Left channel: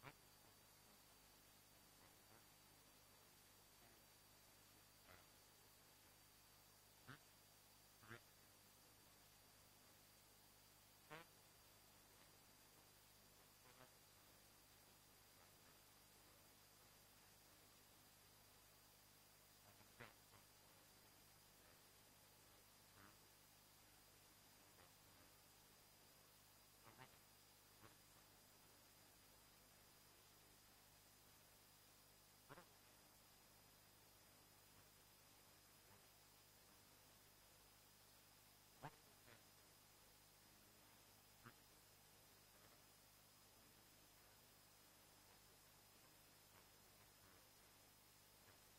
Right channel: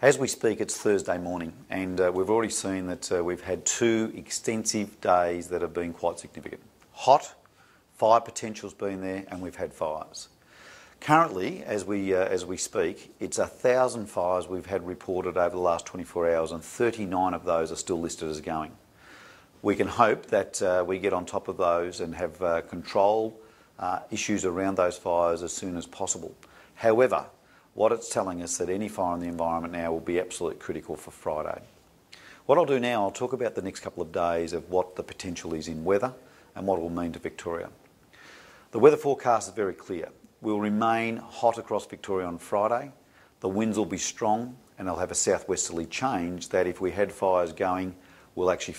As we speak, it's Thursday morning, and we've already seen that we've had 2 extensive days that have been quite significant. Hot, fire potential's been there, and we've had fires. Currently, as we speak, it's 1,000 fires we've had reported over the last 24 hours, and 39 of those are still listed as going. We can hope that we get on top of those and have control issues around those fires as soon as possible. However, what it's telling us that any fire in the environment now will be absolutely critical for Friday. What I'll do now, I'll talk about the next couple of days of what the potential is in weather and what it will mean to Victoria. The weather forecast is very clear. We'll remain hot across Victoria on Friday. The winds will be strong and they'll have a southwesterly change that if we had fires going, we'll actually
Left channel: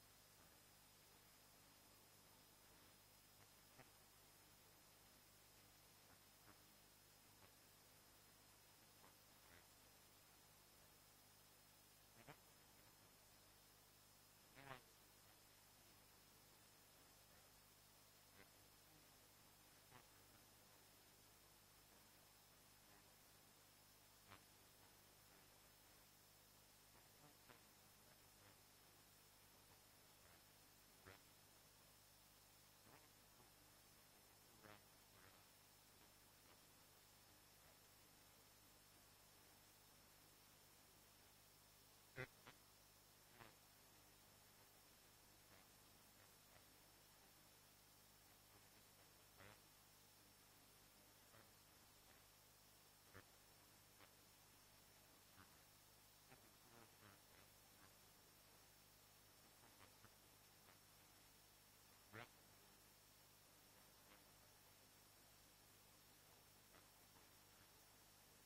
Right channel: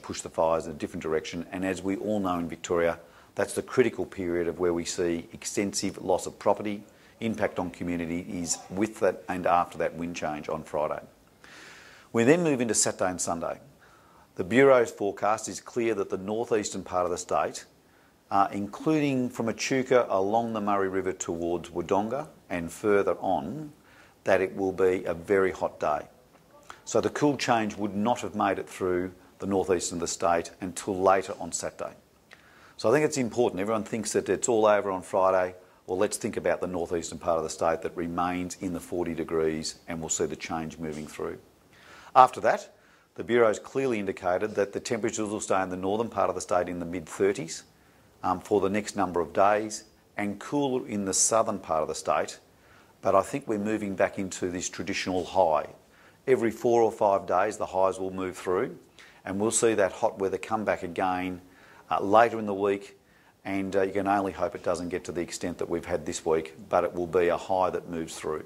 push the fires in a different direction. And as we all know in Victoria, that's the critical period of where we see extensive loss of property, impact on communities with that and after that wind change on Friday. We then move into Saturday and Sunday. The Bureau's forecast is clear that the northeastern part of the state, including from Echuca along the Murray River towards Wodonga and further on, that it will be a very hot day. So the cool change would not have made it through the northeastern of the state until later on Saturday. So I think it's important. Everyone thinks that it's all over on Friday. Well, let's think about the northeastern part of the state that remains in the 40 degrees and we'll see the change moving through. After that, the Bureau's clearly indicated that the temperatures will stay in the northern part of the state in the mid-30s for the next number of days and cooler in the southern part of the state. But I think we're moving back into this traditional high. Every 4 or 5 days, the highs will move through and we'll see that hot weather come back again later in the week. And you can only hope it doesn't get to the extent that we've had this week, but it will be a high that moves through.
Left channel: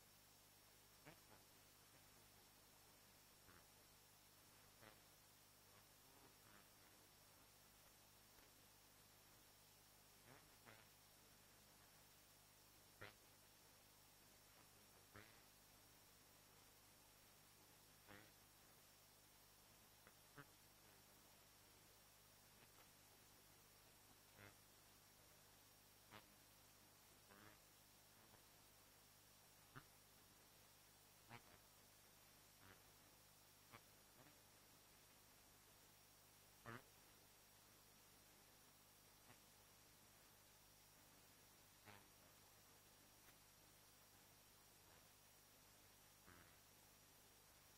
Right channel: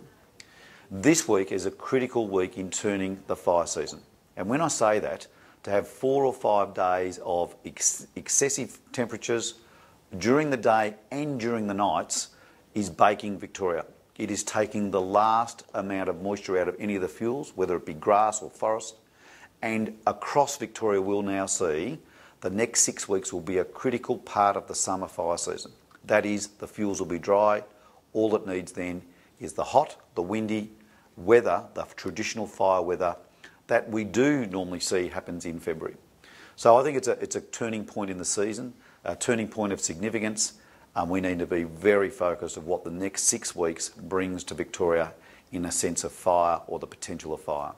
This week is a critical week in turning the fire season. And when I say that, to have 4 or 5 days of excessive temperatures during the day and during the nights is baking Victoria. It is taking the last amount of moisture out of any of the fuels, whether it be grass or forest. And across Victoria, we'll now see the next 6 weeks will be a critical part of the summer fire season. That is, the fuels will be dry. All it needs then is the hot, the windy weather, the traditional fire weather that we do normally see happens in February. So I think it's a turning point in the season, a turning point of significance. We need to be very focused on what the next 6 weeks brings to Victoria in a sense of fire or the potential of fire.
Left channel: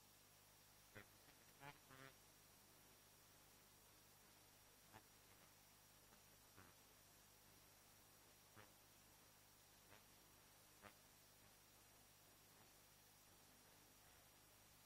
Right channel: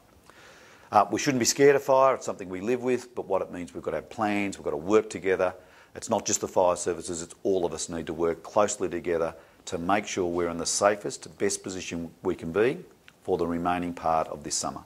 We shouldn't be scared of fire. It's something we live with, but what it means, we've got to have plans, we've got to work together. It's not just the fire services, it's all of us need to work closely together to make sure we're in the safest, best position we can be for the remaining part of this summer.